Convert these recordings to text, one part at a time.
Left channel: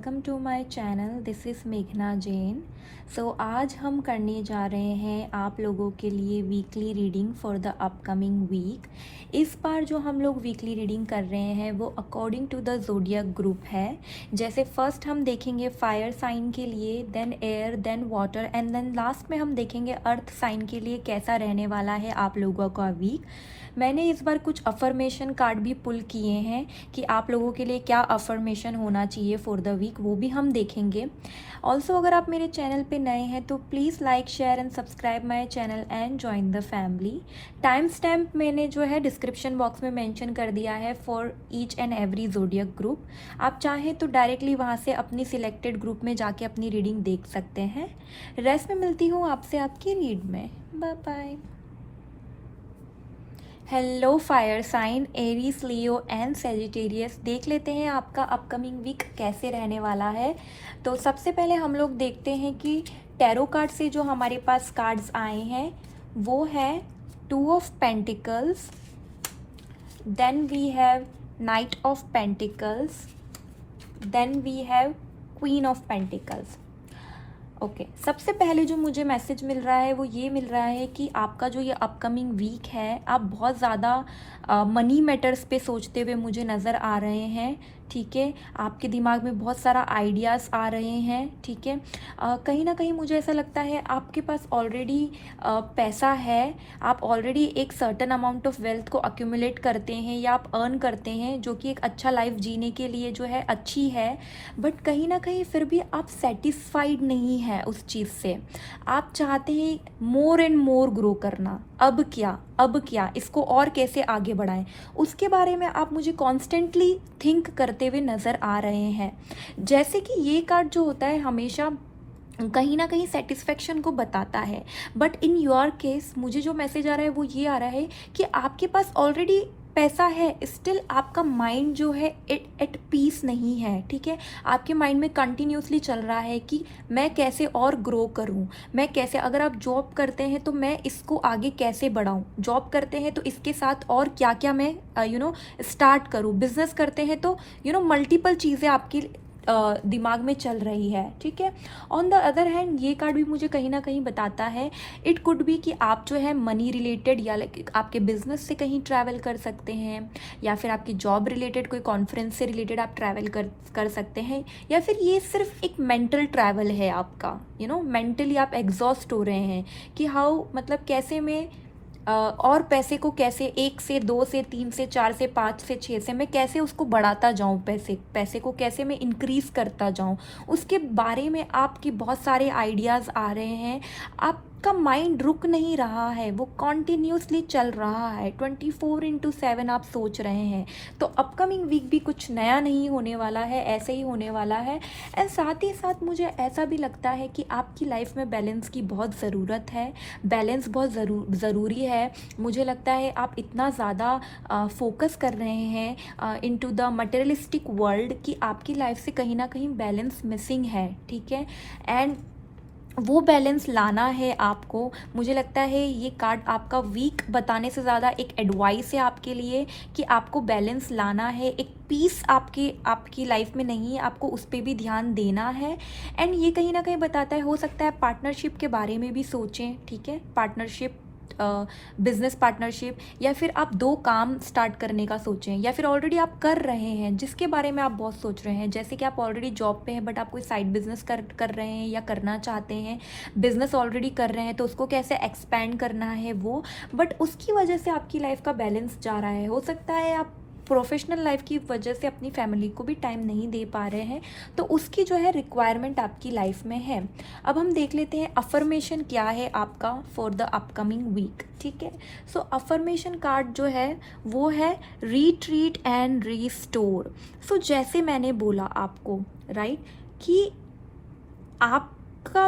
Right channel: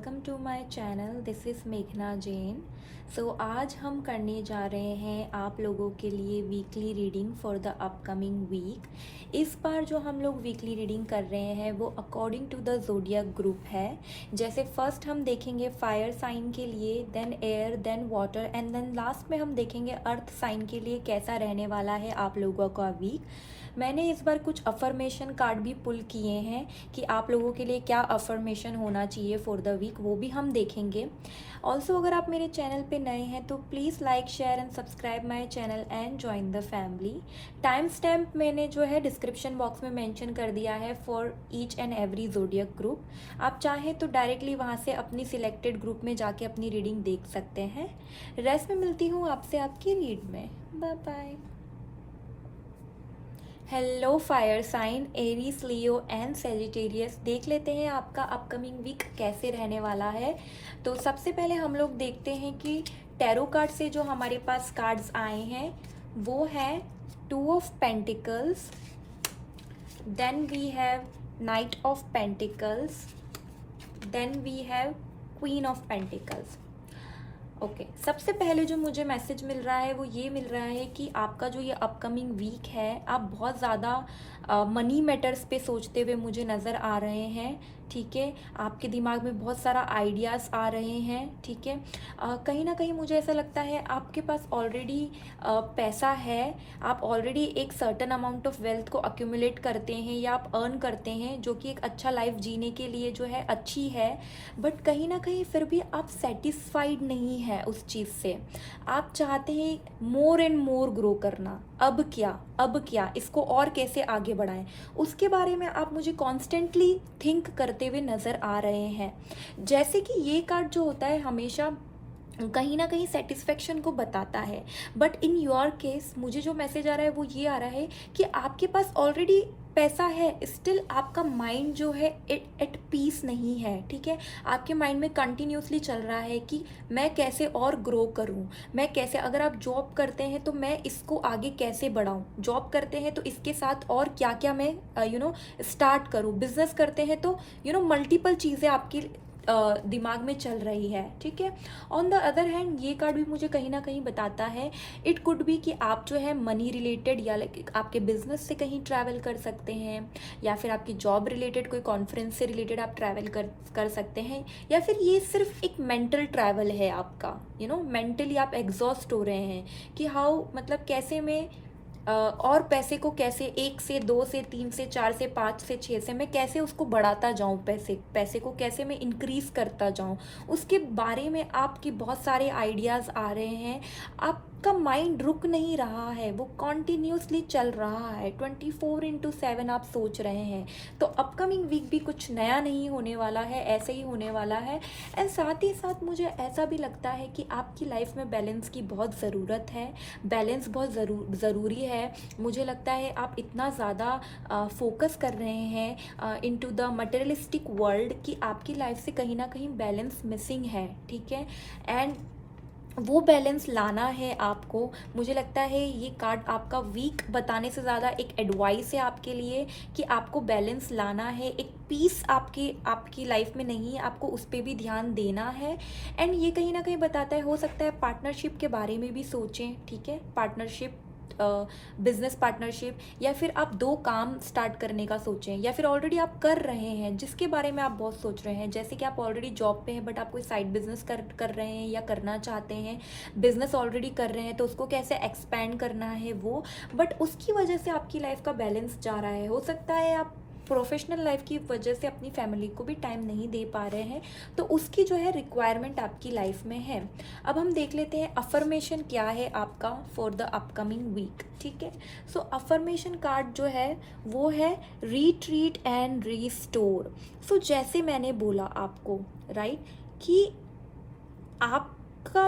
Welcome to my channel. This is मेघना जैन। आज हम करने जा रहे हैं आप लोगों के लिए weekly reading for the upcoming week. इस बार जो हम लोग वीकली रीडिंग कर रहे हैं वो according to the zodiac group है। जैसे फर्स्ट हम देखेंगे फायर साइन के लिए, then air, then water and then last में हम देखेंगे अर्थ साइन के लिए कैसा रहने वाला है आप लोगों का वीक। मैंने इस बार कुछ अफर्मेशन कार्ड भी पुल किए हैं कि आप लोगों के लिए क्या अफर्मेशन होना चाहिए फॉर द वीक, वो भी हम देखेंगे। ऑल्सो अगर आप मेरे चैनल पे नए हैं तो please like share and subscribe my channel and join the family. Time stamp मैंने जो है डिस्क्रिप्शन बॉक्स में मेंशन कर दिया है for each and every zodiac group. आप चाहें तो डायरेक्टली वहाँ से अपनी सिलेक्टेड ग्रुप में जाके अपनी रीडिंग देख सकते हैं। रेस्ट में मिलती हूँ आपसे आपकी रीड में। Bye bye. Hello fire sign, Aries, Leo and Sagittarius. देख लेते हैं आपका अपकमिंग वीक कैसे रहने वाला है। तो सबसे पहले हम लोग देखते हैं कि टैरो कार्ड से जो हमारे पास कार्ड्स आए हैं वो है 2 of pentacles, then we have knight of pentacles, then we have queen of pentacles. Okay, सबसे पहले जो मुझे मैसेज मिल रहा है वो ये मिल रहा है कि आपका जो ये अपकमिंग वीक है आप बहुत ज़्यादा मनी मैटर्स पे सोचते हुए मुझे नज़र आ रहे हैं। ठीक है, आपके दिमाग में बहुत सारा आइडियाज़ आ रहे हैं। ठीक है, कहीं ना कहीं मुझे ऐसा लगता है आपके पास ऑलरेडी पैसा है, आप ऑलरेडी एक सर्टन अमाउंट ऑफ वेल्थ को अक्यूमुलेट करते हैं या आप अर्न करते हैं, जो कि एक अच्छा लाइफ जीने के लिए जो है अच्छी है। बट कहीं ना कहीं फिर भी आप सेटिस्फाइड नहीं है उस चीज़ से। आप चाहते हैं मोर एंड मोर ग्रो करना। अब क्या, अब क्या, इसको और कैसे आगे बढ़ाएं, उसके बारे में आप मुझे कॉन्स्टेंटली थिंक करते हुए नज़र आ रहे हैं। जैसे कि ये कार्ड जो होता है हमेशा कहीं ना कहीं सेटिस्फेक्शन को बताता है, बट इन योर केस मुझे जो मैसेज आ रहा है वो ये आ रहा है कि आपके पास ऑलरेडी पैसा है, स्टिल आपका माइंड जो है एट पीस नहीं है। ठीक है, आपके माइंड में कंटिन्यूसली चल रहा है कि मैं कैसे और ग्रो करूं, मैं कैसे, अगर आप जॉब करते हैं तो मैं इसको आगे कैसे बढ़ाऊं, जॉब करते हैं तो इसके साथ और क्या क्या मैं स्टार्ट करूं, बिजनेस करते हैं तो मल्टीपल चीज़ें आपकी दिमाग में चल रही है। ठीक है, ऑन द अदर हैंड ये कार्ड भी मुझे कहीं ना कहीं बताता है इट कुड बी कि आप जो है मनी रिलेटेड या लाइक आपके बिजनेस से कहीं ट्रैवल कर सकते हैं, या फिर आपकी जॉब रिलेटेड कोई कॉन्फ्रेंस से रिलेटेड आप ट्रैवल कर सकते हैं, या फिर ये सिर्फ एक मेंटल ट्रैवल है आपका। मेंटली आप एग्जॉस्ट हो रहे हैं कि हाउ, मतलब कैसे मैं और पैसे को कैसे 1 से 2 से 3 से 4 से 5 से 6 से मैं कैसे उसको बढ़ाता जाऊं, पैसे को कैसे मैं इंक्रीज करता जाऊं, उसके बारे में आपके बहुत सारे आइडियाज़ आ रहे हैं। आपका माइंड रुक नहीं रहा है, वो कॉन्टिन्यूसली चल रहा है, 24/7 आप सोच रहे हैं। तो अपकमिंग वीक भी कुछ नया नहीं होने वाला है, ऐसे ही होने वाला है। एंड साथ ही साथ मुझे ऐसा भी लगता है कि आपकी लाइफ में बैलेंस की बहुत ज़रूरत है, बैलेंस बहुत ज़रूरी है। मुझे लगता है आप इतना ज़्यादा फोकस कर रहे हैं इनटू द मटेरियलिस्टिक वर्ल्ड कि आपकी लाइफ से कहीं ना कहीं बैलेंस मिसिंग है। ठीक है, एंड वो बैलेंस लाना है आपको। मुझे लगता है ये कार्ड आपका वीक बताने से ज़्यादा एक एडवाइस है आपके लिए कि आपको बैलेंस लाना है, एक पीस आपकी लाइफ में नहीं है, आपको उस पर भी ध्यान देना है। एंड ये कहीं ना कहीं बताता है, हो सकता है पार्टनरशिप के बारे में भी सोचें। ठीक है, पार्टनरशिप, बिजनेस पार्टनरशिप, या फिर आप 2 काम स्टार्ट करने का सोचें, या फिर ऑलरेडी आप कर रहे हैं जिसके बारे में आप बहुत सोच रहे हैं। जैसे कि आप ऑलरेडी जॉब पे हैं बट आप कोई साइड बिजनेस कर रहे हैं या करना चाहते हैं, बिजनेस ऑलरेडी कर रहे हैं तो उसको कैसे एक्सपैंड करना है वो, बट उसकी वजह से आपकी लाइफ का बैलेंस जा रहा है। हो सकता है आप प्रोफेशनल लाइफ की वजह से अपनी फैमिली को भी टाइम नहीं दे पा रहे हैं, तो उसकी जो है रिक्वायरमेंट आपकी लाइफ में है। अब हम देख लेते हैं अफर्मेशन क्या है आपका फॉर द अपकमिंग वीक। ठीक है, सो अफर्मेशन कार्ड जो है वो है रीट्रीट एंड रीस्टोर। सो जैसे मैंने बोला आपको, राइट, कि आपका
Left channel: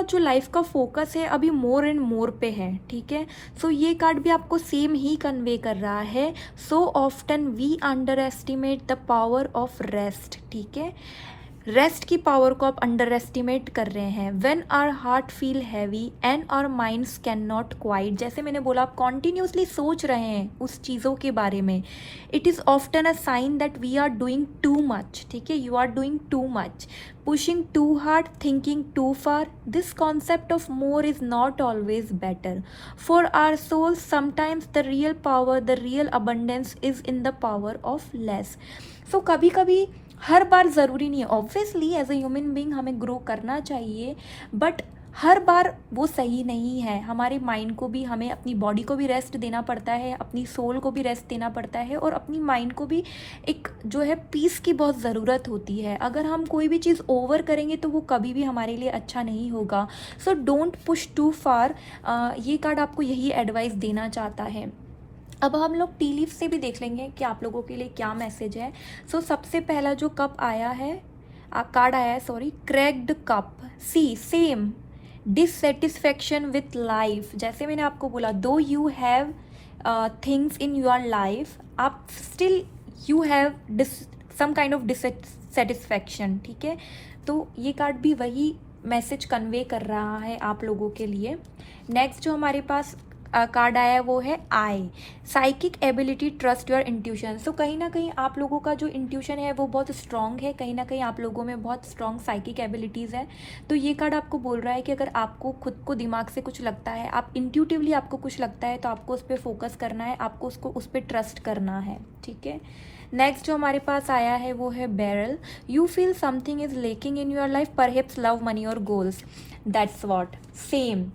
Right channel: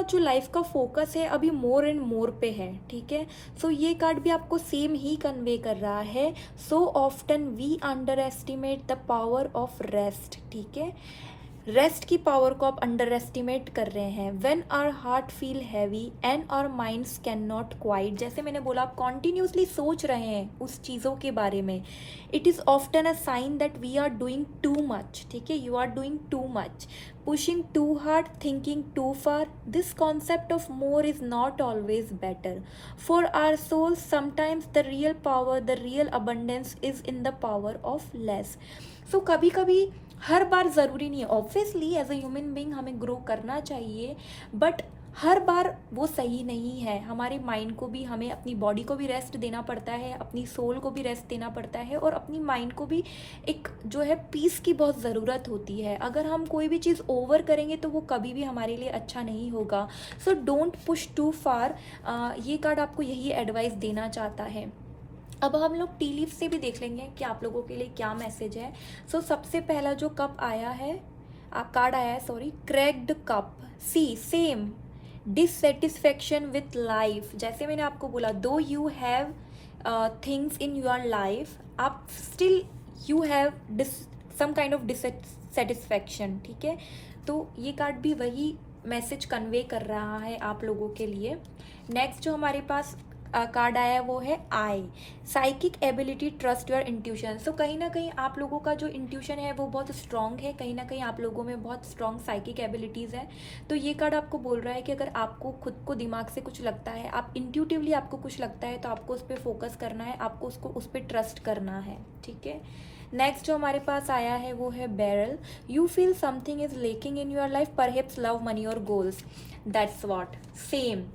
जो लाइफ का फोकस है अभी मोर एंड मोर पे है। ठीक है, सो ये कार्ड भी आपको सेम ही कन्वे कर रहा है। So often we underestimate the power of rest. ठीक है, रेस्ट की पावर को आप अंडर एस्टिमेट कर रहे हैं। When our heart feel heavy and our minds can not quite, जैसे मैंने बोला आप कॉन्टिन्यूसली सोच रहे हैं उस चीज़ों के बारे में, it is often a sign that we are doing too much. ठीक है, you are doing too much, pushing too hard, thinking too far. This concept of more is not always better. For our souls, sometimes the real power, the real abundance is in the power of less. So कभी कभी, हर बार ज़रूरी नहीं है, obviously as a human being हमें grow करना चाहिए, but हर बार वो सही नहीं है। हमारे माइंड को भी, हमें अपनी बॉडी को भी रेस्ट देना पड़ता है, अपनी सोल को भी रेस्ट देना पड़ता है, और अपनी माइंड को भी एक जो है पीस की बहुत ज़रूरत होती है। अगर हम कोई भी चीज़ ओवर करेंगे तो वो कभी भी हमारे लिए अच्छा नहीं होगा। सो डोंट पुश टू फार, ये कार्ड आपको यही एडवाइस देना चाहता है। अब हम लोग टी लीफ से भी देख लेंगे कि आप लोगों के लिए क्या मैसेज है। सो सबसे पहला जो कप आया है, कार्ड आया है, sorry, cracked cup. See same dissatisfaction with life, जैसे मैंने आपको बोला, though you have things in your life, आप still you have some kind of dissatisfaction. ठीक है, तो ये कार्ड भी वही मैसेज कन्वे कर रहा है आप लोगों के लिए। नेक्स्ट जो हमारे पास कार्ड आया है वो है eye, psychic ability, trust your intuition. So कहीं ना कहीं आप लोगों का जो इंट्यूशन है वो बहुत स्ट्रॉन्ग है, कहीं ना कहीं आप लोगों में बहुत स्ट्रॉन्ग साइकिक एबिलिटीज़ है। तो ये कार्ड आपको बोल रहा है कि अगर आपको खुद को दिमाग से कुछ लगता है, आप इंट्यूटिवली आपको कुछ लगता है, तो आपको उस पर फोकस करना है, आपको उस पर ट्रस्ट करना है। ठीक है, नेक्स्ट जो हमारे पास आया है वो है barrel, you feel something is lacking in your life, perhaps love, money और गोल्स। दैट्स व्हाट, सेम,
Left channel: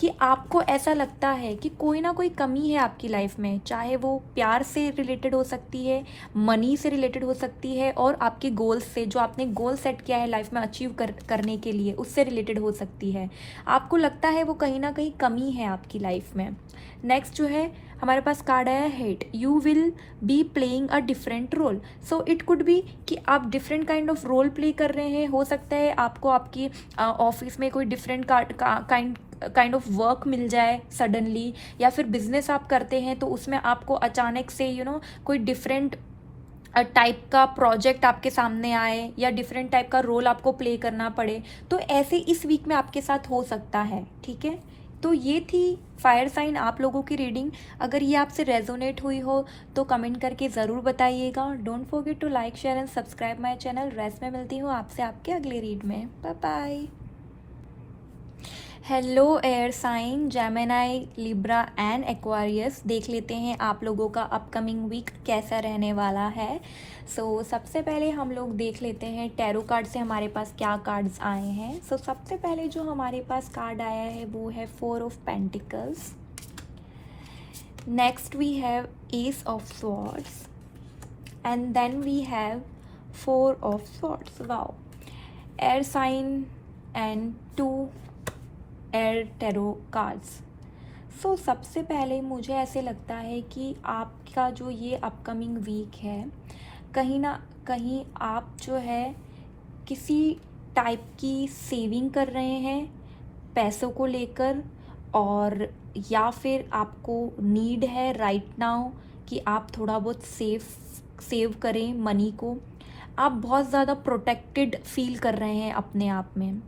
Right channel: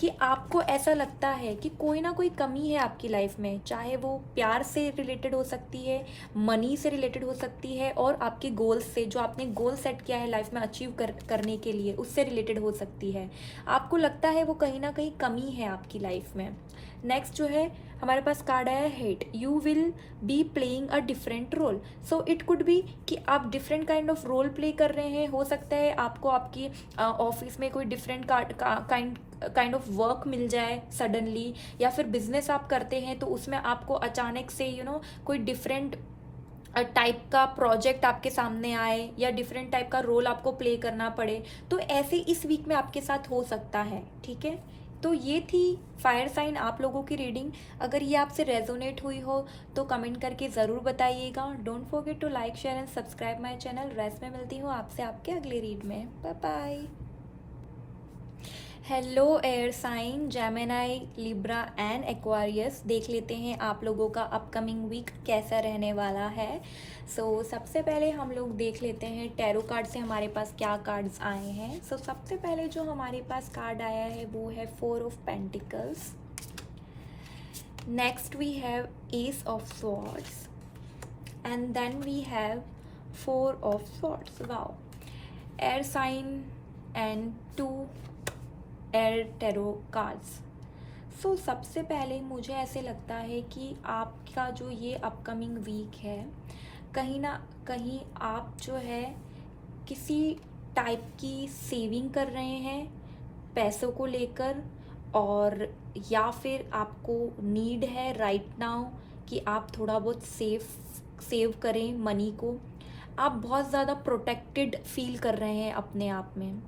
कि आपको ऐसा लगता है कि कोई ना कोई कमी है आपकी लाइफ में, चाहे वो प्यार से रिलेटेड हो सकती है, मनी से रिलेटेड हो सकती है, और आपके गोल्स से, जो आपने गोल सेट किया है लाइफ में अचीव करने के लिए, उससे रिलेटेड हो सकती है। आपको लगता है वो कहीं ना कहीं कमी है आपकी लाइफ में। नेक्स्ट जो है हमारे पास कार्ड आया hate, you will be playing a different role. So it could be कि आप different kind of role play कर रहे हैं। हो सकता है आपको आपकी ऑफिस में कोई डिफरेंट काइंड ऑफ वर्क मिल जाए सडनली, या फिर बिजनेस आप करते हैं तो उसमें आपको अचानक से कोई डिफरेंट टाइप का प्रोजेक्ट आपके सामने आए, या डिफरेंट टाइप का रोल आपको प्ले करना पड़े। तो ऐसे इस वीक में आपके साथ हो सकता है। ठीक है, तो ये थी फायर साइन आप लोगों की रीडिंग। अगर ये आपसे रेजोनेट हुई हो तो कमेंट करके ज़रूर बताइएगा। Don't forget to like, share and subscribe my channel. Rest में मिलती हूँ आपसे आपके अगले रीड में। Bye bye. Hello air sign Gemini, Libra and Aquarius, देख लेते हैं आप लोगों का अपकमिंग वीक कैसा रहने वाला है। सबसे पहले हम लोग देख लेते हैं टैरो कार्ड से हमारे पास क्या कार्ड्स आए हैं। सबसे पहले जो हमारे पास कार्ड आया है वो है 4 of pentacles. Next we have ace of swords, and then we have 4 of swords. Wow, air sign and 2 air tarot cards. सबसे पहले मुझे ऐसे लगता है कि आपका जो ये अपकमिंग वीक है, कहीं ना कहीं आप जो है किसी टाइप की सेविंग कर रहे हैं पैसों को लेकर, और या फिर आपको नीड है राइट नाउ कि आप थोड़ा बहुत सेव करें मनी को। आप बहुत ज़्यादा प्रोटेक्टेड फील कर रहे हैं अपने आप में।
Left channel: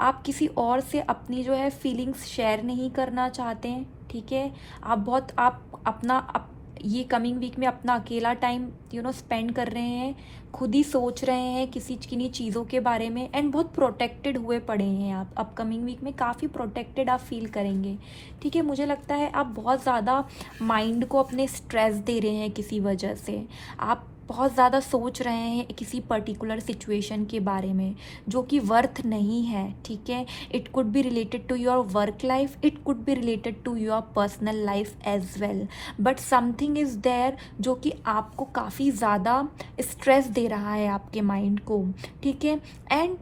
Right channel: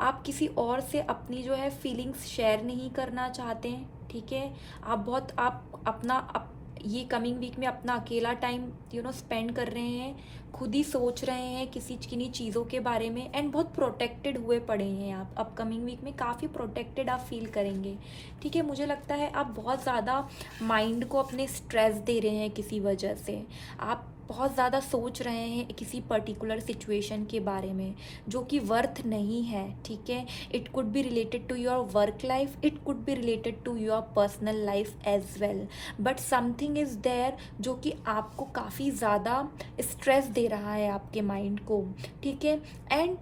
आप किसी और से अपनी जो है फीलिंग्स शेयर नहीं करना चाहते हैं। ठीक है, आप ये कमिंग वीक में अपना अकेला टाइम स्पेंड कर रहे हैं, खुद ही सोच रहे हैं किन्हीं चीज़ों के बारे में, एंड बहुत प्रोटेक्टेड हुए पड़े हैं आप। अपकमिंग वीक में काफ़ी प्रोटेक्टेड आप फील करेंगे। ठीक है, मुझे लगता है आप बहुत ज़्यादा माइंड को अपने स्ट्रेस दे रहे हैं किसी वजह से। आप बहुत ज़्यादा सोच रहे हैं किसी पर्टिकुलर सिचुएशन के बारे में जो कि वर्थ नहीं है। ठीक है, it could be related to your work life, it could be related to your personal life as well, but something is there जो कि आपको काफ़ी ज़्यादा स्ट्रेस दे रहा है आपके माइंड को। ठीक है, एंड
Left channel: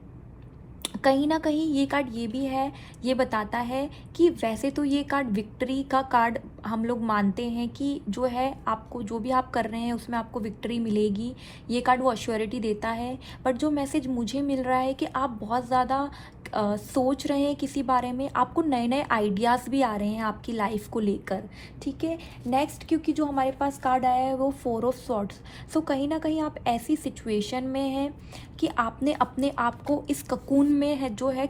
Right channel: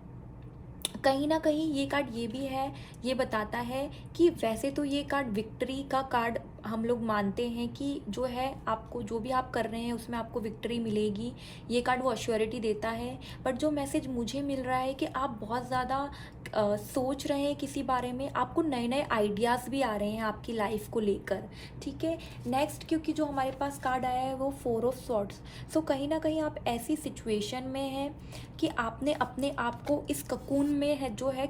कहीं ना कहीं ये कार्ड ये भी है, ये बताता है कि वैसे तो ये कार्ड विक्ट्री का कार्ड हम लोग मानते हैं कि जो है आपको जो भी आप कर रहे हैं उसमें आपको विक्ट्री मिलेगी, ये कार्ड वो अश्योरिटी देता है। बट जो मैसेज मुझे मिल रहा है कि आप बहुत ज़्यादा सोच रहे हैं किसी बारे में, आपको नए नए आइडियाज़ भी आ रहे हैं आपकी लाइफ को लेकर, ठीक है। नेक्स्ट, क्योंकि जो हमारे पास कार्ड आया है वो 4 ऑफ सॉर्ड्स, सो कहीं ना कहीं आप ऐसी सिचुएशन में हैं कि आपने अपने आप को इस ककून में है जो है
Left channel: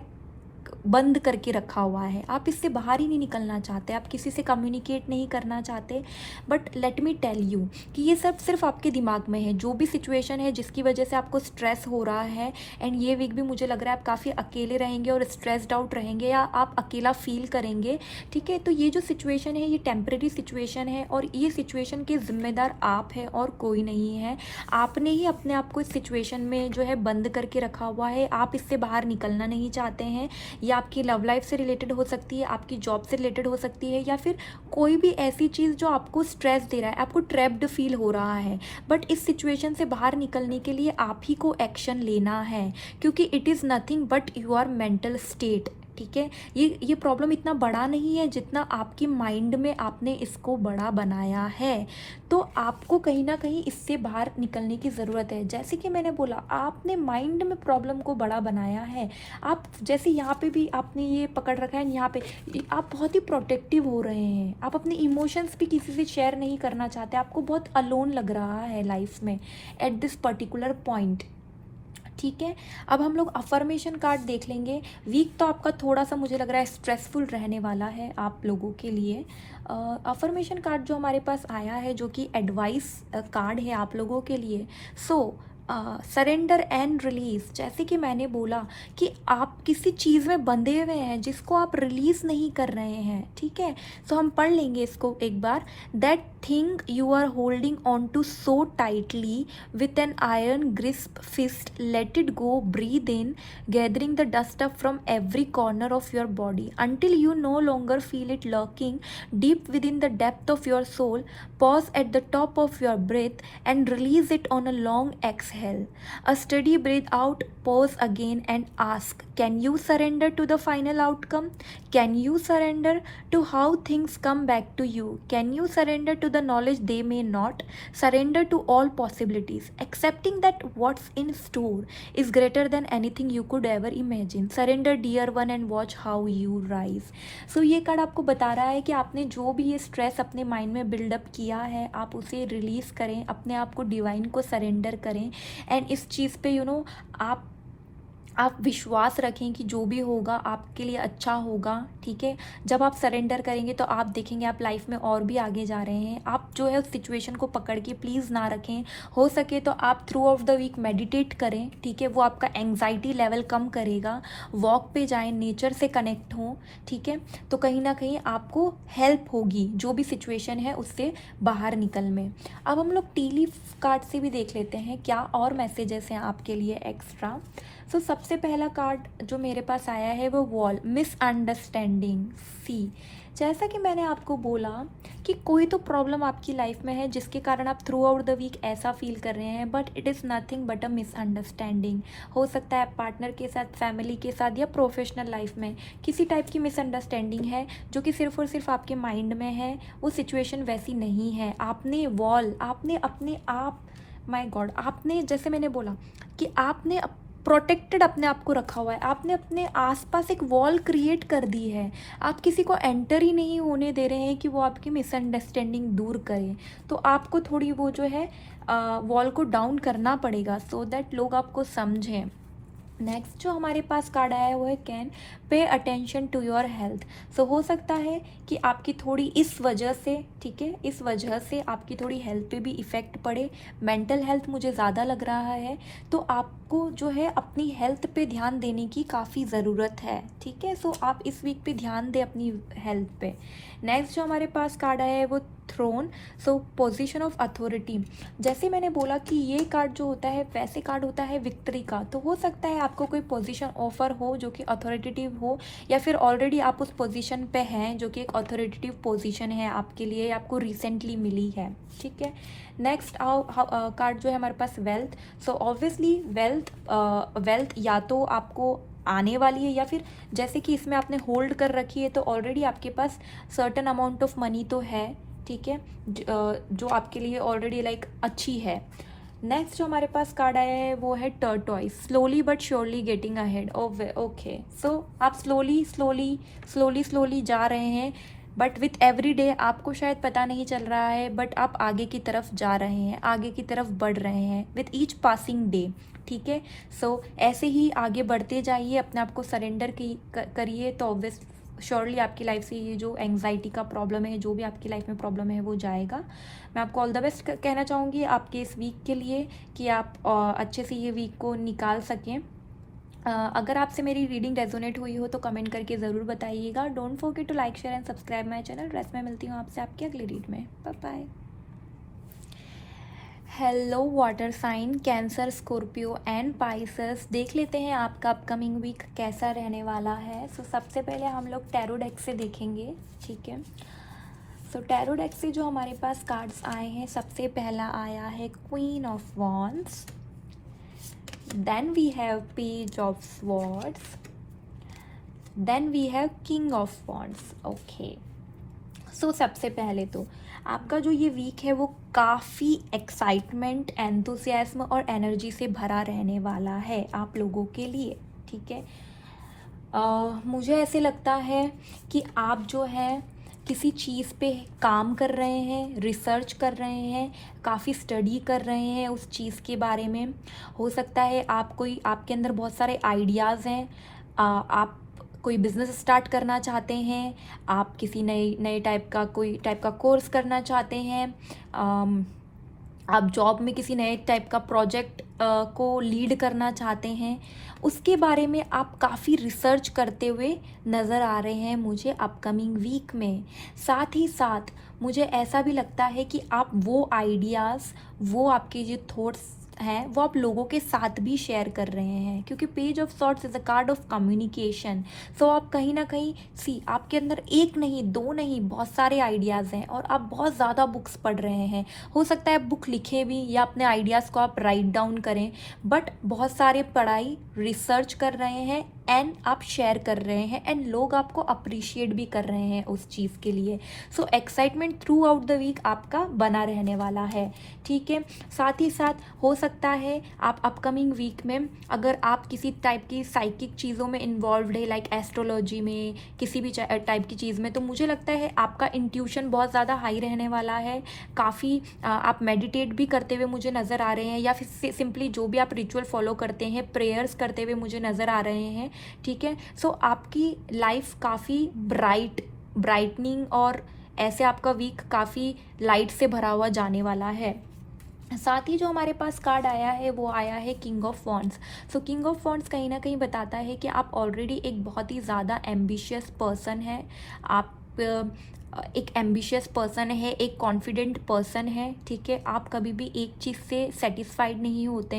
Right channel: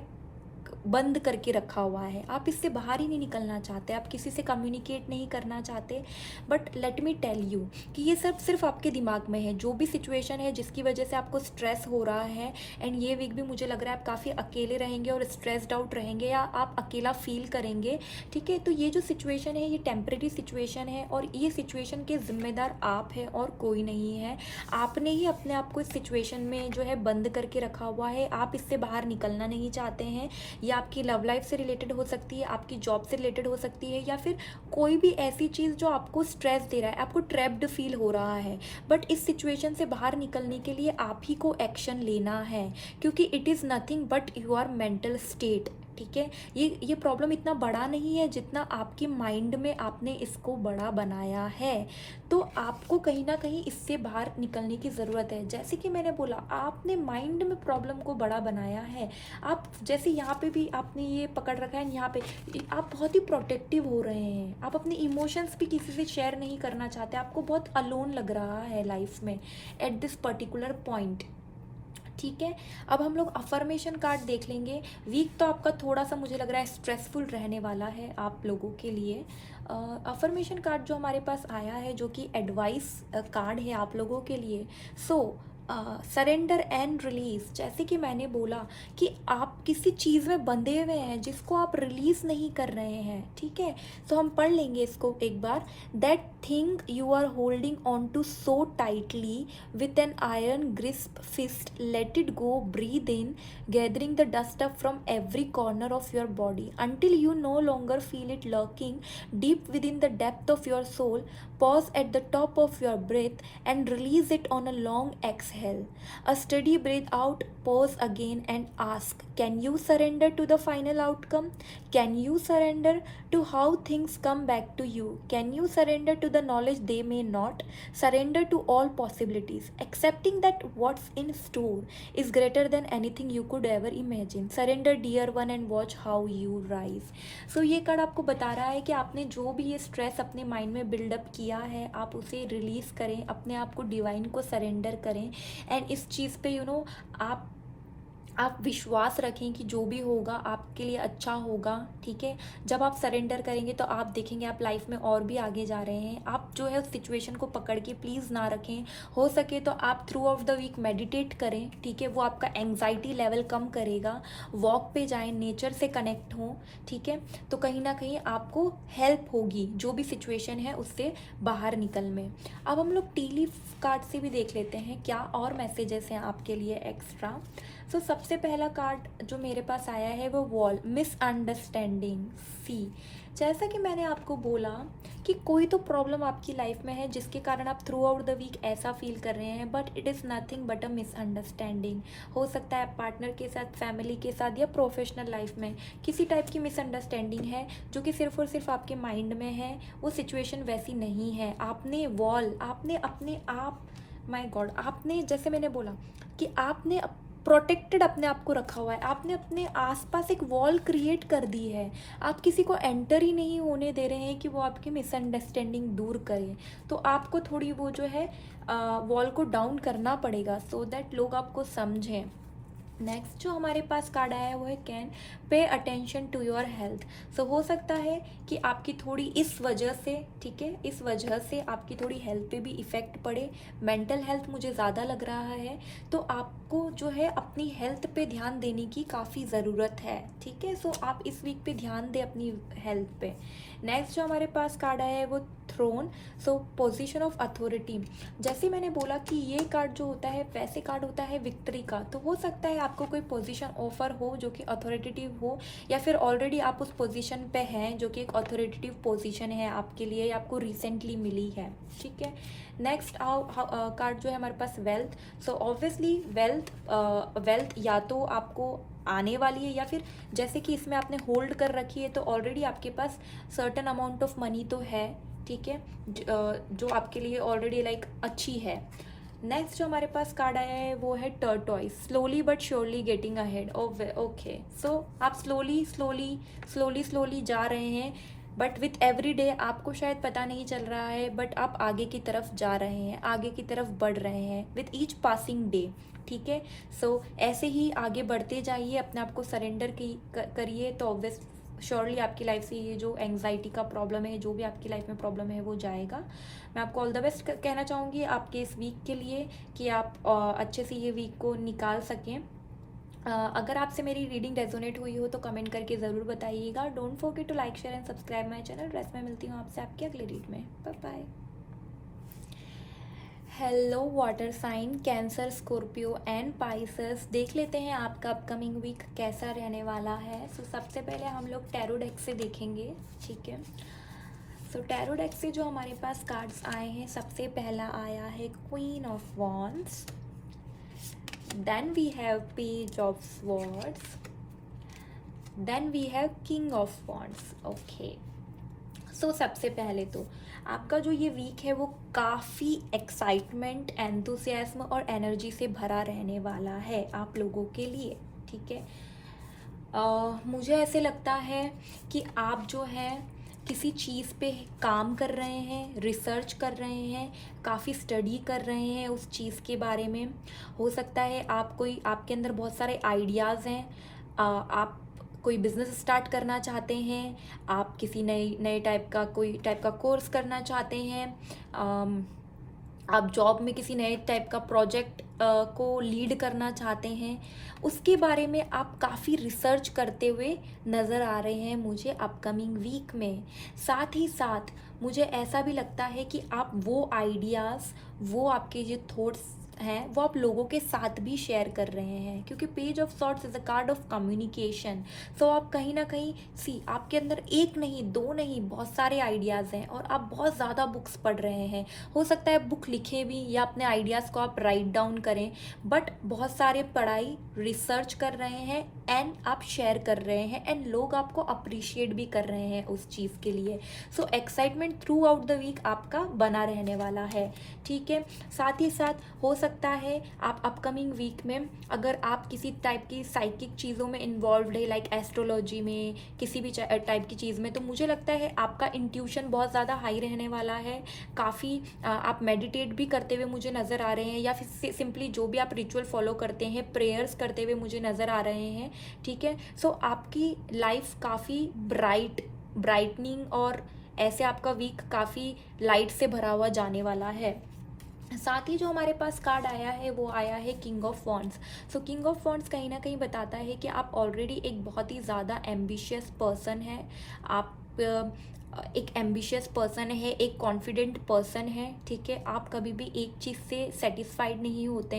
बंद करके रखा हुआ है, आप इससे बाहर ही नहीं निकलना चाहते, आप किसी से कम्युनिकेट नहीं करना चाहते। But let me tell you कि ये सब सिर्फ आपके दिमाग में है। जो भी सिचुएशन है जिसकी वजह से आपको स्ट्रेस हो रहा है, एंड ये वीक भी मुझे लग रहा है आप काफ़ी अकेले रहेंगे और स्ट्रेस्ड आउट रहेंगे या आप अकेला फील करेंगे, ठीक है। तो ये जो सिचुएशन है ये टेम्प्रेरी सिचुएशन है और ये सिचुएशन के जिम्मेदार आप हैं और कोई नहीं है। आपने ही अपने आप को इस सिचुएशन में जो है बंद करके रखा हुआ है, आप इससे बाहर निकलना नहीं चाहते हैं। या आपकी लव लाइफ से रिलेटेड हो सकती है, आपकी जॉब से रिलेटेड हो सकती है, या फिर कोई भी ऐसी चीज़ जो आपको स्ट्रेस दे रहा है, आपको ट्रैप्ड फील हो रहा है। बट इस सिचुएशन से बाहर निकलने के लिए आप ही को एक्शन लेना है, क्योंकि it is nothing but your mental state, ठीक है। ये प्रॉब्लम इतना बड़ा नहीं है जितना आपकी माइंड में आपने इसको बड़ा बनाया है। तो आपको कहीं ना कहीं इससे बाहर निकलने की ज़रूरत है। जैसे कि मैंने बोला, आपने माइंड में प्रॉब्लम को बड़ा बनाया है। आप जैसे यहाँ पे भी आपने ये पकड़ रखा है, यहाँ पे आप बहुत ही प्रोटेक्टिव हो रहे हैं, आप अपने इमोशंस भी किसी से शेयर नहीं करना चाहते, आपको बहुत अलोन लग रहा है लाइफ में एट दिस पर्टिकुलर पॉइंट, ठीक है। अब हम लोग अफर्मेशन कार्ड देख लेंगे। वीक तो आपका थोड़ा सा मुझे लग रहा है स्ट्रेसफुल रहने वाला है आप लोगों के लिए। अफर्मेशन कार्ड जो हमारे पास आया है, जो कि एडवाइस कार्ड है आप लोगों के लिए। सो सरेंडर एंड रिलीज, जैसे कि मैंने बोला कि आप किसी चीज़ में बंधे हुए हैं जिसको आप रिलीज नहीं कर रहे हैं, ठीक है। तो हम पढ़ लेंगे इसको एक बार। That thing you are holding on to so tightly with an iron grip fist, let it go, breathe in, gathering the dust up from every corner of your body until you no longer feel it lurking deep within the depth of your soul. Pause at the top of your breath and release it on a long exhale. A steady breath out, pause again and ask, can you surrender to the final outcome? Can you surrender to how things come back to you? Can you surrender to the knowledge they may not? Surrender to all possibilities, accepting that what's in store is greater than anything you could ever imagine. Surrender, dear one, and watch how you rise. So ये card आपको बता रहा है कि आपने जो भी ये स्ट्रेस अपने माइंड में बिल्डअप किया है, आप उसे रिलीज़ करें, अपने आप को डिवाइन को सरेंडर करें, एंड इस चीज़ पे आप विश्वास रखें कि जो भी होगा आपके लिए अच्छा होगा, ठीक है। जब आप सरेंडर करेंगे तो आप देखेंगे आप लाइफ में और भी आगे जा रहे हैं। आप जो है उस सिचुएशन को पकड़ के प्लीज़ ना रखें। हो सके तो आप throughout the week meditate करें, ठीक है, वो आपका एंग्जाइटी लेवल कम करेगा। वॉक पे जाएं, नेचर से कनेक्ट हों, ठीक है, तो कहीं ना कहीं आपको हेल्प होगी जो भी सिचुएशन है उससे बाहर निकल में। अब हम लोग टी लीफ कार्ड से भी देख लेते हैं क्या और मैसेजेस हैं आपके लिए एक्स्ट्रा। सो सबसे पहला कार्ड जो मेरे पास आया है वो वॉल, मिसअंडरस्टैंडिंग। सी, जैसा कि मैंने आपको बोला कि कोई तो प्रॉब्लम आपकी लाइफ में है जिसके कारण आप थ्रू आउट द वीक ऐसा फील कर रहे हैं, but it is nothing but a misunderstanding. हो सकता है पार्टनर के साथ, फैमिली के साथ, या प्रोफेशनल लाइफ में किसी टाइप की मिसअंडरस्टैंडिंग है जो कि सिर्फ और सिर्फ आपके माइंड में है। वो सिचुएशन वैसी नहीं है। आपने अपने आप, माय गॉड, आपने, जैसे मैंने बोला कि आपने प्रोटेक्टेड अपने आप को रखा हुआ है, आपने अपने आसपास एक वॉल क्रिएट कर दी है। आप किसी को एंटर ही नहीं होने दे रहे हैं कि वो आपकी मिसअंडरस्टैंडिंग दूर करें। तो आपको थोड़ी वो जो है वॉल को डाउन करना पड़ेगा सो दैट लोग आपको समझें। नेक्स्ट जो हमारे पास कार्ड आया है वो है can pay attention to your health. So हो सकता है कि आपकी थोड़ी इस वजह से, ठीक है, इस वजह से आपकी थोड़ी हेल्थ पे भी इफ़ेक्ट पड़े। मेंटल हेल्थ मुझे ज़्यादा लग रहा है, तो आपको जो है अपनी हेल्थ पे ध्यान देने की काफ़ी ज़रूरत है, ठीक है। सो आप इस वीक पे ध्यान दें अपनी हेल्थ पे। नेक्स्ट जो हमारे पास कार्ड आया है वो throne, so position of authority. जैसे मैंने बोला कि ये कार्ड जो होता है वैसे कार्ड होता है विक्ट्री का। तो हो सकता है आपको कोई पोजीशन ऑफर हो जो कि अथॉरिटेटिव हो, या फिर ऑलरेडी आप उस पोजीशन पे हैं जो कि एक अथॉरिटेटिव पोजीशन है आपके लिए, आपको रिसेंटली मिली है, ठीक है। नेक्स्ट कार्ड जो है हमारे पास वेल्थ। सो ऑब्वियसली वेल्थ या तो आपको आने वाली है, या फिर जैसे कि इसमें आपने होल्ड कर रखी है तो ऑलरेडी आपके पास सर्टन अमाउंट ऑफ मनी तो है, ठीक है, जो आपके लिए ऑलरेडी लाइक अच्छी है। नेक्स्ट जो हमारे पास कार्ड आया है वो है tortoise, slowly but surely getting ahead. Okay, so आप स्लोली जा रहे हैं, बट विथ एवरी डे आपको शायद पता नहीं चल रहा है, बट आप आगे की तरफ जा रहे हैं, आगे की तरफ बढ़ रहे हैं विथ ईच पासिंग डे। ठीक है, सो ऐसे ही आगे बढ़ते जाइए, अपने आप को सरेंडर करिए, तो ऑब्वियस श्योरली आपकी लाइफ से ये जो एंग्जाइटी का प्रॉब्लम है, जो भी आपकी लाइफ में प्रॉब्लम है, वो जाएगा। मैं आपको ऑल द बेस्ट कहना चाहूँगी आपके इस वीक के लिए, कि आप अच्छे से ये वीक को निकाल सकें। अगर आपसे मेरी रीडिंग रेजोनेट हुई हो तो कमेंट करके ज़रूर बताइएगा। Don't forget to like share and subscribe my channel. Rest में मिलती हूँ आपसे आपकी अगली रीड में। Bye bye. Hello water sign Cancer, Scorpio and Pisces, देख लेते हैं आपका अपकमिंग वीक कैसा रहने वाला है। सो सबसे पहले हम लोग टैरो डेक से देखेंगे। ठीक है, सो टैरो डेक से जो हमारे पास कार्ड्स आए हैं, सबसे पहला आया है queen of wands, then we have page of swords, then we have king of wands. Okay, so सबसे पहले तो आपका जो ये वीक है वो काफ़ी एक्साइटमेंट, एंथुसियाज्म और एनर्जी से भरा रहने वाला है आप लोगों के लिए। ठीक है, मुझे ऐसे लगता है कि आप जो है किसी चीज़ पे काम कर रहे हैं, रिसर्च कर रहे हैं, काफ़ी स्टडी कर रहे हैं उस चीज़ के बारे में। हो सकता है आपके अंदर बहुत सारे आइडियाज़ हैं, आप कोई बिज़नेस स्टार्ट करना चाहते हैं, आप किसी नए टाइप का कोर्स करना चाहते हैं, आप जॉब में किसी नए टाइप का प्रोजेक्ट को लीड करना चाहते हैं, उसके बारे में आप काफ़ी रिसर्च करते हुए नज़र आ रहे हैं मुझे अपकमिंग वीक में। साथ ही साथ मुझे ऐसा भी लगता है कि आप वो आइडियाज़, वो आपके जो थॉट्स हैं, वो आप लोगों के साथ भी शेयर कर रहे हैं, क्योंकि page of swords is a card of communication. So आप कहीं ना कहीं आपके अंदर एक नहीं, दो नहीं, बहुत सारे आइडियाज़ हैं और आप बहुत ज़्यादा बुक्स पढ़ रहे हैं। हो सकता है बुक लिखे भी या अपने आइडियाज़ को आप राइट डाउन करें, बट बहुत सारे पढ़ाई, रिसर्च कर रहे हैं एंड आप शेयर कर रहे हैं, एंड लोग आपको अप्रिशिएट भी कर रहे हैं उस चीज़ के लिए। So excitement throughout the week आपका बना रहने वाला है। ठीक है, साथ ही साथ हो सकता है आप अपकमिंग वीक में, अगर आप किसी टाइप की साइकिक चीज़ों में इन्वॉल्व है, लाइक एस्ट्रोलॉजी में, किसी भी टाइप की चीज़ में, तो मुझे लगता है आपका इंट्यूशन बहुत ज़्यादा हाई रहने वाला है। काफ़ी आप मेडिटेट भी करते हुए मुझे नज़र आ रहे हैं, या फिर सिंपली जो भी आप रिचुअल फॉलो करते हैं, प्रेयर्स करते हुए मुझे नज़र आ रहे हैं। ठीक है, सो आपकी लाइफ काफ़ी ब्राइटनिंग और ऐसे आपका वीक काफ़ी लाइट से भरा हुआ जाने वाला है। साथ ही जो हमारे पास कार्ड आया है वो आया है king of wands. So king of wands कहीं ना कहीं बताता है कि आप ऑलरेडी एक बहुत ही ज़्यादा एम्बिशियस पर्सन है, आप एक एम्बिशियस पर्सन है, एक कॉन्फिडेंट पर्सन है। ठीक है, आप कभी भी एक चीज़ से सेटिस्फाइड नहीं होते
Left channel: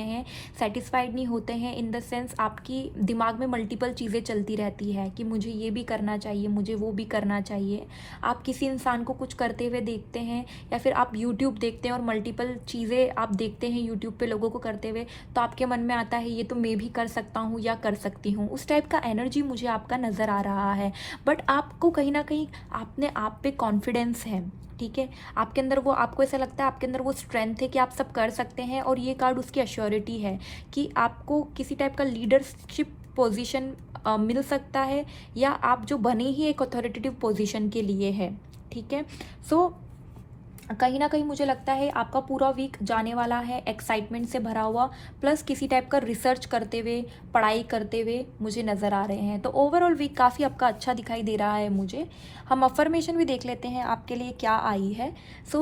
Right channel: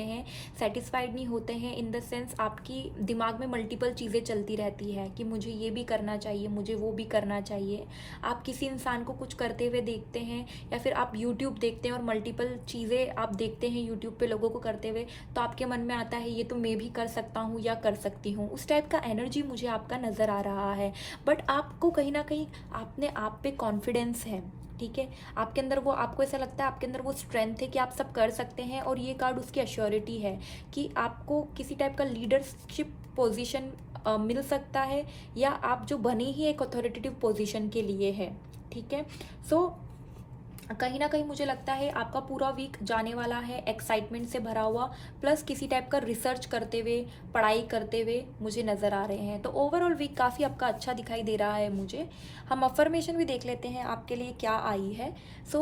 हैं इन द सेंस आपकी दिमाग में मल्टीपल चीज़ें चलती रहती है कि मुझे ये भी करना चाहिए, मुझे वो भी करना चाहिए। आप किसी इंसान को कुछ करते हुए देखते हैं, या फिर आप यूट्यूब देखते हैं और मल्टीपल चीज़ें आप देखते हैं यूट्यूब पे लोगों को करते हुए, तो आपके मन में आता है ये तो मैं भी कर सकता हूँ या कर सकती हूँ। उस टाइप का एनर्जी मुझे आपका नज़र आ रहा है, बट आपको कहीं ना कहीं आपने आप पे कॉन्फिडेंस है। ठीक है, आपके अंदर वो, आपको ऐसा लगता है आपके अंदर वो स्ट्रेंथ है कि आप सब कर सकते हैं, और ये कार्ड उसकी अश्योरिटी है कि आपको किसी टाइप का लीडरशिप पोजीशन मिल सकता है, या आप जो बने ही एक अथॉरिटेटिव पोजीशन के लिए है। ठीक है, सो कहीं ना कहीं मुझे लगता है आपका पूरा वीक जाने वाला है एक्साइटमेंट से भरा हुआ, प्लस किसी टाइप का रिसर्च करते हुए, पढ़ाई करते हुए मुझे नज़र आ रहे हैं। तो ओवरऑल वीक काफ़ी आपका अच्छा दिखाई दे रहा है मुझे। हम अफर्मेशन भी देख लेते हैं आपके लिए क्या आई है। So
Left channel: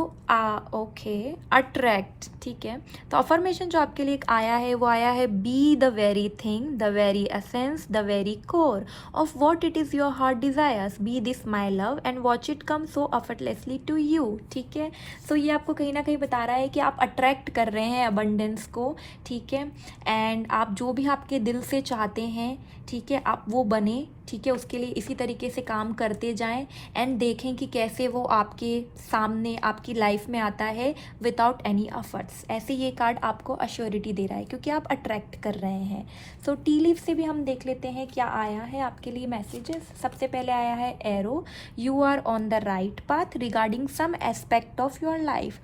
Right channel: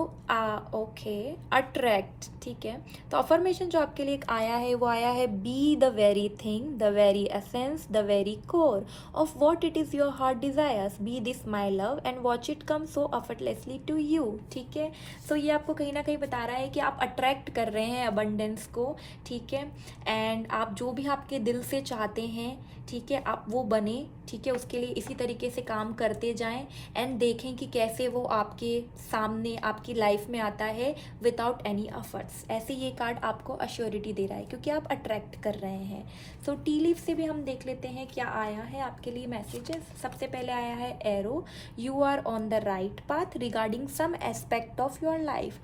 okay, attract. ठीक है, तो अफर्मेशन जो आपके लिए आया है वो आया है, be the very thing, the very essence, the very core of what it is your heart desires, be this my love and watch it come so effortlessly to you. ठीक है, सो ये आपको कहीं ना कहीं बता रहा है कि आप अट्रैक्ट कर रहे हैं अबंडेंस को। ठीक है, एंड आप जो भी आपके दिल से चाहते हैं, ठीक है, आप वो बने। ठीक है, उसके लिए इसी तरीके से काम करते जाएं एंड देखें कि कैसे वो आपके सामने आपकी लाइफ में आता है विदाउट एनी एफर्ट्स। ऐसे ये कार्ड आपको अश्योरिटी दे रहा है क्योंकि आप अट्रैक्ट कर रहे हैं। सो टी लीफ से भी हम देख लेते हैं क्या आया है आपके लिए मैसेजेस। सबसे पहले आया है arrow, you are on the right path regarding some aspect of your life.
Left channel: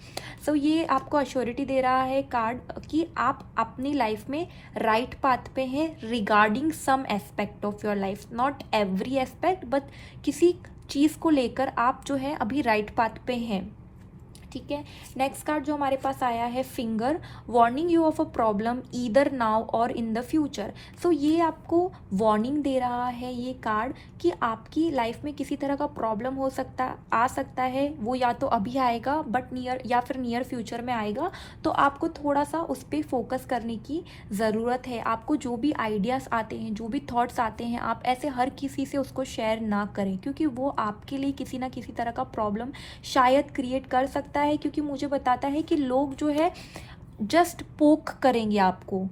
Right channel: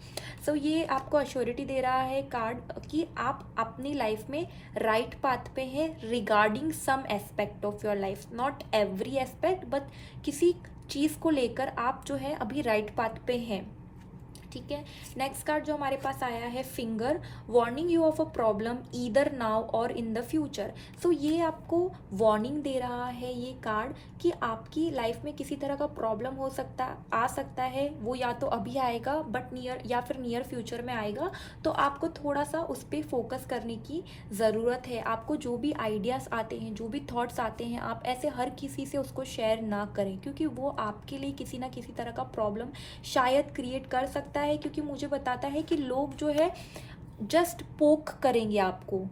So ये आपको अश्योरिटी दे रहा है कार्ड कि आप अपनी लाइफ में राइट पाथ पे हैं regarding some aspect of your life, not every aspect but किसी चीज़ को लेकर आप जो है अभी राइट पाथ पे हैं, ठीक है। नेक्स्ट कार्ड जो हमारे पास आया है finger, warning you of a problem either now और इन द फ्यूचर। सो ये आपको वार्निंग दे रहा है ये कार्ड कि आपकी लाइफ में किसी तरह का प्रॉब्लम आ सकता है, वो या तो अभी आएगा बट नियर फ्यूचर में आएगा, तो आपको थोड़ा सा उस पर फोकस करने की ज़रूरत है। आपको जो भी आइडियाज़ आते हैं, जो भी थॉट्स आते हैं, आप ऐसे हर किसी से उसको शेयर ना करें, क्योंकि वो आपके लिए किसी ना किसी तरह का प्रॉब्लम शायद क्रिएट कर सकता है, क्योंकि मुझे बताता है कि लोग जो है जस्ट पोक करेंगे आपको,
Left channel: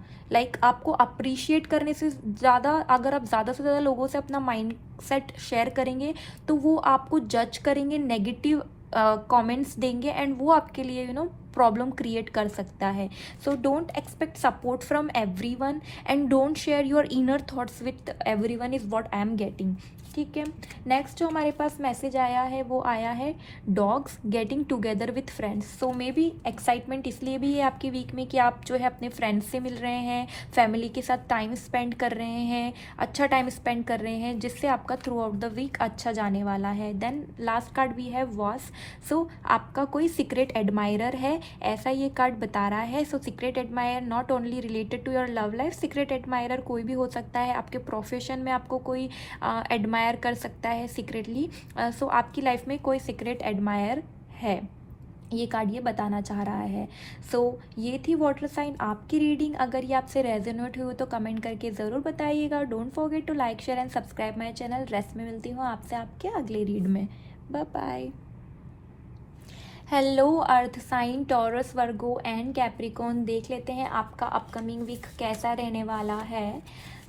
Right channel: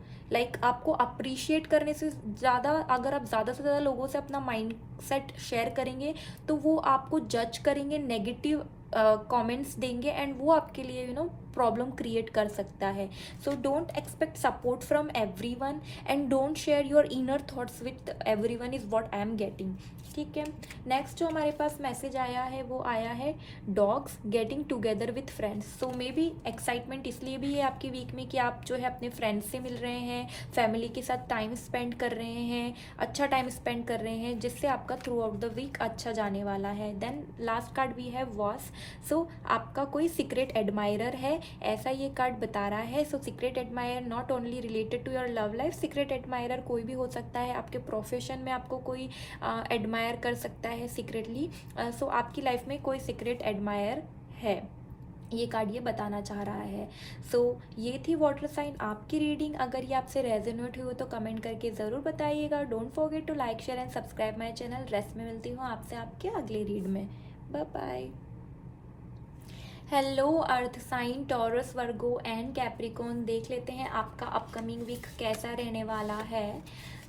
आपको अप्रिशिएट करने से ज़्यादा, अगर आप ज़्यादा से ज़्यादा लोगों से अपना माइंड सेट शेयर करेंगे तो वो आपको जज करेंगे, नेगेटिव कमेंट्स देंगे एंड वो आपके लिए प्रॉब्लम क्रिएट कर सकता है। So don't expect support from everyone and don't share your inner thoughts with everyone is what I am getting, ठीक है। नेक्स्ट जो हमारे पास मैसेज आया है वो आया है dogs getting together with friends. So may be excitement इसलिए भी है आपके वीक में कि आप जो है अपने फ्रेंड्स से मिल रहे हैं, फैमिली के साथ टाइम स्पेंड कर रहे हैं, अच्छा टाइम स्पेंड कर रहे हैं, जिससे आपका थ्रू आउट द वीक अच्छा जाने वाला है। देन लास्ट कार्ड भी है वॉस। सो आपका कोई सीक्रेट एडमायरर है, ऐसा ये कार्ड बता रहा है। So secret admire not only related to your love life, secret admirer कोई भी हो सकता है, आपके प्रोफेशन में आपको कोई एडमायर कर सकता है सीक्रेटली। सो आपकी लाइफ में कोई सीक्रेट एडमायर है, ये कार्ड ये बताना चाह रहा है। सो ये थी वाटर साइन आपकी रीडिंग। अगर ये आपसे रेजोनेट हुई तो कमेंट करके ज़रूर बताइएगा। Don't forget to like share and subscribe my channel. Rest में मिलती हूँ आपसे आपके अगले रीड में। Bye bye. Hello earth sign, Taurus, Virgo and Capricorn. देख लेते हैं आपका अपकमिंग वीक कैसा रहने वाला है।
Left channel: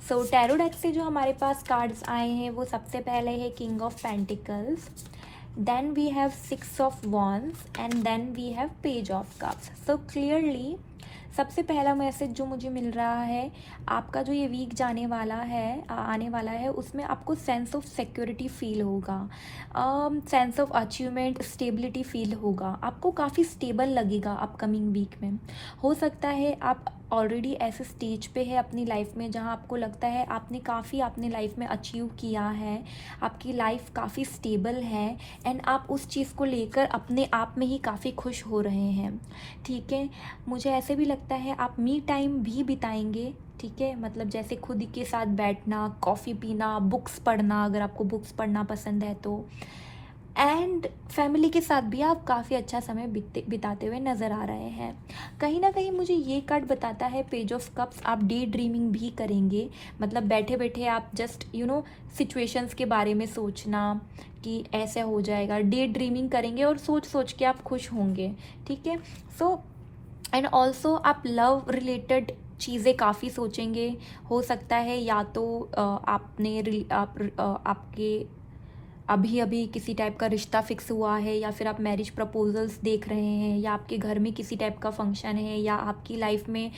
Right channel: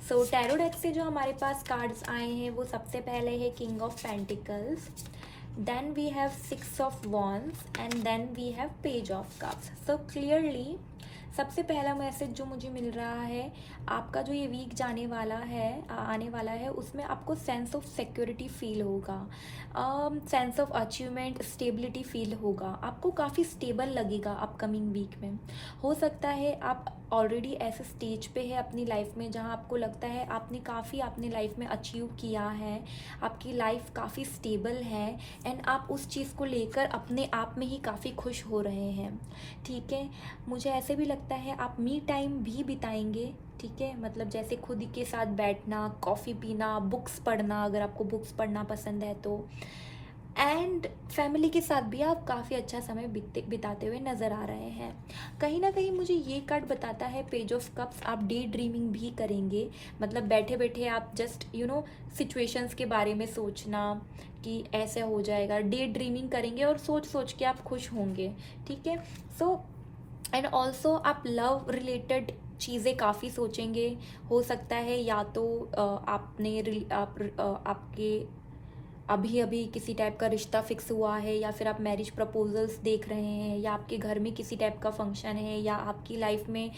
सो टैरो डेक से जो हमारे पास कार्ड्स आए हैं वो सबसे पहले है king of pentacles, then we have 6 of wands and then we have page of cups. So clearly सबसे पहला मैसेज जो मुझे मिल रहा है, आपका जो ये वीक आने वाला है उसमें आपको सेंस ऑफ सिक्योरिटी फील होगा, sense of achievement, stability feel होगा। आपको काफ़ी स्टेबल लगेगा अपकमिंग वीक में। हो सकता है आप ऑलरेडी ऐसे स्टेज पे है अपनी लाइफ में जहाँ आपको लगता है आपने काफ़ी अपनी लाइफ में अचीव किया है, आपकी लाइफ काफ़ी स्टेबल है एंड आप उस चीज़ को लेकर अपने आप में ही काफ़ी खुश हो रहे हैं, ठीक है। मुझे ऐसे भी लगता है आप मी टाइम भी बिताएंगे, ठीक है, मतलब जैसे खुद के साथ बैठना, कॉफ़ी पीना, बुक्स पढ़ना, अगर आपको बुक्स पढ़ना पसंद है तो, एंड फैमिली के साथ भी आप काफ़ी अच्छा समय बिताते हुए नज़र आ रहे हैं। कहीं ना कहीं मुझे ये कार्ड बताता है पेज ऑफ कप्स, आप डे ड्रीमिंग भी करेंगे, मतलब बैठे बैठे आप जस्ट सिचुएशंस के बारे में सोचना कि ऐसे हो जाएगा, डे ड्रीमिंग करेंगे और सोच सोच के आप खुश होंगे, ठीक है। सो एंड ऑल्सो आप लव रिलेटेड चीज़ें काफ़ी सोचेंगे। हो सकता है या तो आपके अभी किसी टाइप का रिश्ता फिक्स हुआ है, या फिर आप मैरिज प्रपोजल्स देख रहे हैं, या आपके घर में किसी टाइप का फंक्शन है, या आपकी लाइफ में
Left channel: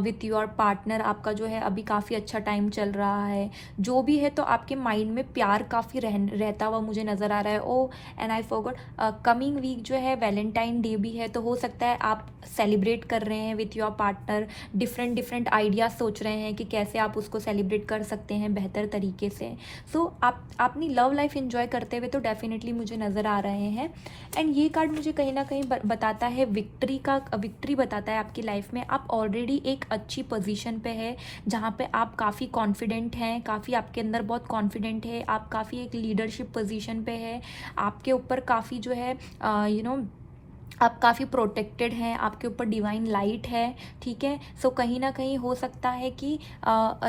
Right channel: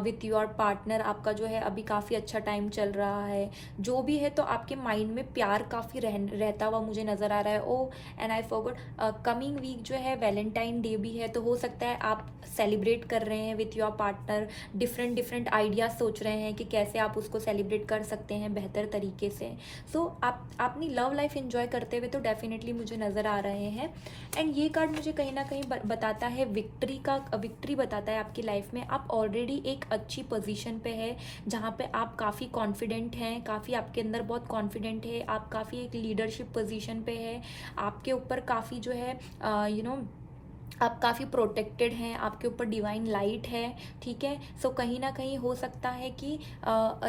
विथ योर पार्टनर आपका जो है अभी काफ़ी अच्छा टाइम चल रहा है। जो भी है तो आपके माइंड में प्यार काफ़ी रहता हुआ मुझे नज़र आ रहा है। Oh and I forgot, coming week जो है वैलेंटाइन डे भी है, तो हो सकता है आप सेलिब्रेट कर रहे हैं with your partner, different ideas सोच रहे हैं कि कैसे आप उसको सेलिब्रेट कर सकते हैं बेहतर तरीके से। सो आप अपनी लव लाइफ एंजॉय करते हुए तो डेफिनेटली मुझे नज़र आ रहे हैं। एंड ये कार्ड मुझे कहीं ना कहीं बताता है विक्ट्री बताता है आपकी लाइफ में। आप ऑलरेडी एक अच्छी पोजीशन पे है जहाँ पे आप काफ़ी कॉन्फिडेंट हैं, काफ़ी आपके अंदर बहुत कॉन्फिडेंट है, आप काफ़ी एक लीडरशिप पोजीशन पे है, आपके ऊपर काफ़ी जो है आप काफ़ी प्रोटेक्टेड हैं, आपके ऊपर डिवाइन लाइट है, ठीक है। सो कहीं ना कहीं हो सकता है कि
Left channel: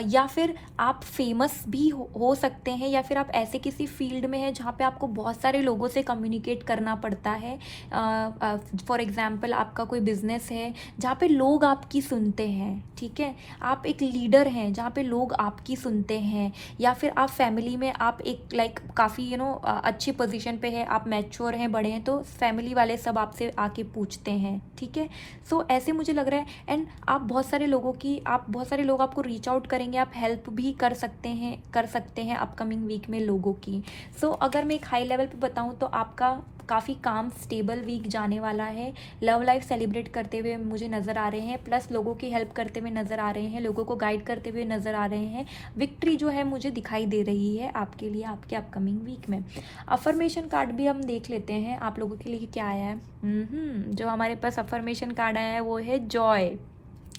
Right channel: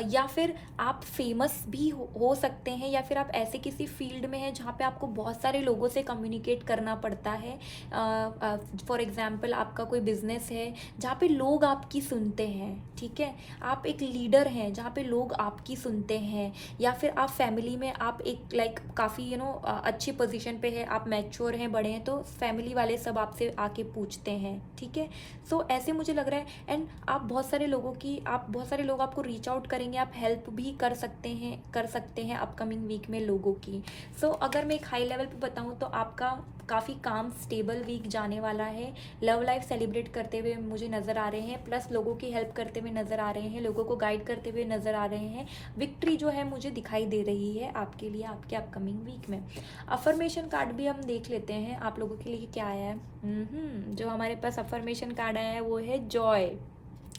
या फिर आप फेमस भी हो सकते हैं, या फिर आप ऐसे किसी फील्ड में हैं जहाँ पे आपको बहुत सारे लोगों से कम्युनिकेट करना पड़ता है। फॉर एग्जांपल आपका कोई बिजनेस है जहाँ पे लोग आपकी सुनते हैं, ठीक है, आप एक लीडर हैं जहाँ पे लोग आपकी सुनते हैं, या फिर आप फैमिली में आप एक काफ़ी अच्छी पोजीशन पे है, आप मैच्योर हैं, बड़े हैं, तो फैमिली वाले सब आपसे आके पूछते हैं, ठीक है। सो ऐसे मुझे लग रहा है, एंड आप बहुत सारे लोग आपको रीच आउट करेंगे, आप हेल्प भी कर सकते हैं अपकमिंग वीक में लोगों की। सो अगर मैं एक हाई लेवल पे बताऊँ तो आपका काफ़ी काम स्टेबल वीक जाने वाला है। लव लाइफ सेलिब्रेट करते हुए मुझे नज़र आ रहे हैं, प्लस लोगों की हेल्प करते हुए नज़र आ रहे हैं, लोगों को गाइड करते हुए नज़र आ रहे हैं। विक्ट्री जो है मुझे दिखाई दे रही है आपके लिए आपके अपकमिंग वीक में। अफर्मेशन कार्ड भी हम देख लेते हैं आप लोगों के लिए क्या आया है। जो हमारे पास अफर्मेशन कार्ड आया है वो है जॉय।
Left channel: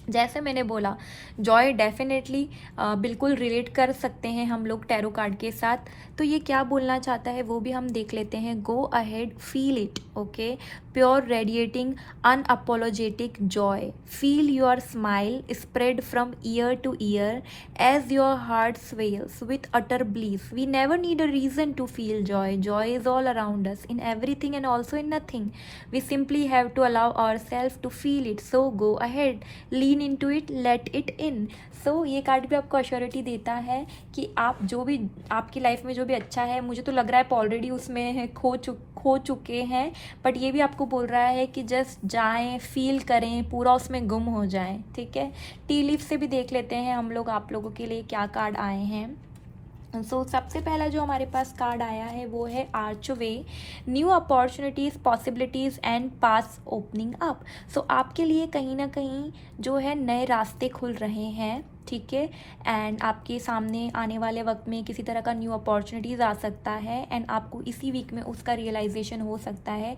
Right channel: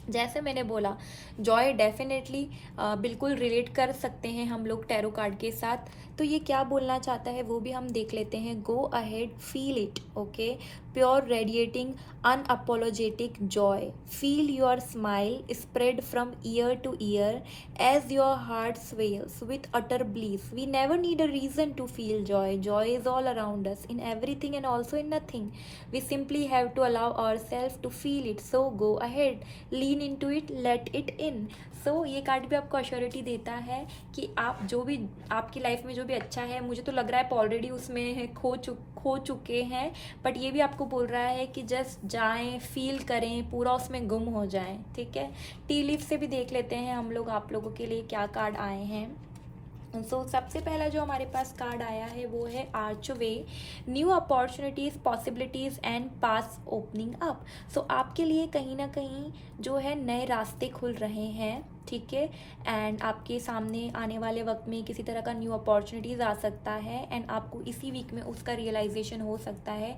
जैसे मैंने बोला, जॉय डेफिनेटली बिल्कुल रिलेट कर सकते हैं हम लोग टैरो कार्ड के साथ। तो ये क्या बोलना चाहता है वो भी हम देख लेते हैं। Go ahead, feel it, okay. Pure radiating unapologetic joy, feel your smile spread from ear to ear as your heart swells with utter bliss. We never need a reason to feel joy, joy is all around us in everything and also in nothing. We simply have to allow our self to feel it, so go ahead, lean into it, let it in. So ये card भी आपको assurity देता है कि आप जो भी आपकी लाइफ में जो भी अच्छा है, मुझे तो लग रहा है आप ऑलरेडी उसमें खो चुके हैं, बट ये भी आपको बोल रहा है कि जस्ट जाएं, फील करें, पूरा उसमें गुम हो जाएं, ठीक है। टी लीफ से भी देख लेते हैं हम लोग आप लोगों के लिए क्या कार्ड आए हैं। सबसे पहला जो हमारे पास कार्ड आया है वो है archway, new opportunities, possibilities and paths opening up. So आपके लिए कहीं ना कहीं जो है नए रास्ते खुल रहे हैं, ठीक है। एंड आपके सामने आने वाले वक्त में किसी तरह का न्यू अपॉर्चुनिटीज़ आ सकता है, एंड आपको इसी वीक में उसका रियलाइजेशन हो सकता है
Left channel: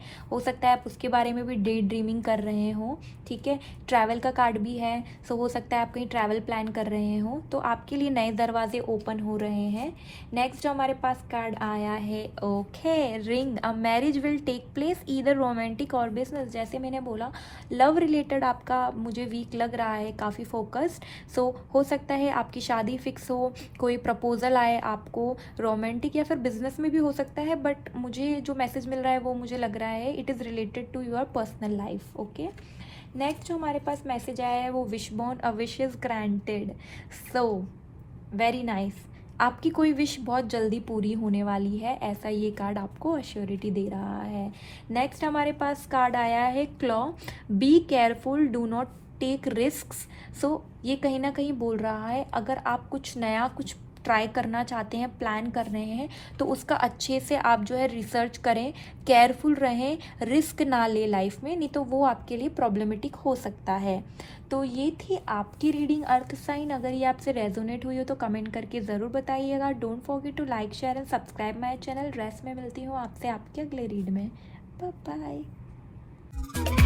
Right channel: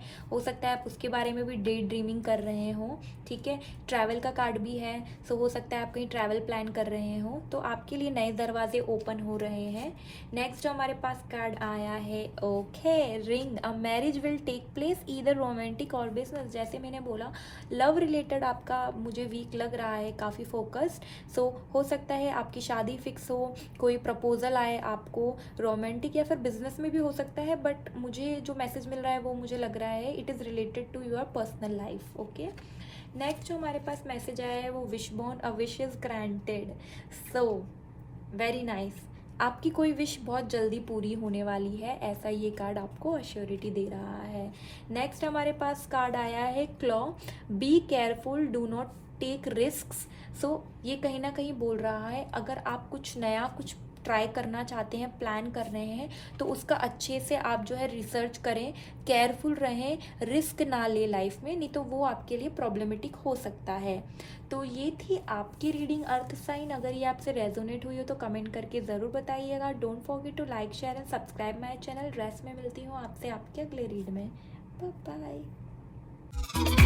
आप उसके बारे में भी डे ड्रीमिंग कर रहे हो, ठीक है। ट्रैवल का कार्ड भी है, सो हो सकता है आप कहीं ट्रैवल प्लान कर रहे हो, तो आपके लिए नए दरवाजे ओपन हो रहे हैं। नेक्स्ट जो हमारे पास कार्ड आया है, okay, ring, a marriage will take place either romantic or business. जैसे मैंने बोला, लव रिलेटेड आपका मुझे वीक लग रहा है, काफ़ी फोकस्ड। सो हो सकता है आपकी शादी फिक्स हो, कोई प्रपोजल आए आपको, रोमांटिक या फिर बिजनेस में भी हो सकता है, बट मुझे जो मैसेज मिल रहा है वो मुझे लग रहा है it is related to your personal life, okay. Next जो हमारे पास मैसेज आया है वो wish born, a wish is granted. So very nice, आपकी कोई विश बहुत जल्दी पूरी होने वाली है, ऐसा ये कार्ड आपको अश्योरिटी दे रहा है। नेक्स्ट हमारे पास कार्ड आया है claw, be careful, do not take risks. So ये कहीं ना कहीं बोल रहा है अगर आप कुछ नया कुछ ट्राई करना चाहते हैं, प्लान कर रहे हैं, तो उसका अच्छे से आप जो है रिसर्च करें, केयरफुल रहें, रिस्क ना ले लाइफ में, नहीं तो वो आपके लिए प्रॉब्लमेटिक हो सकता है। तो ये थी आपकी रीडिंग अर्थ साइन। अगर ये आपसे रेजोनेट हुई हो तो कमेंट करके ज़रूर बताइएगा। Don't forget to like, share and subscribe my channel. Rest में मिलती हूँ आपसे आपके अगले रीड में। Bye bye.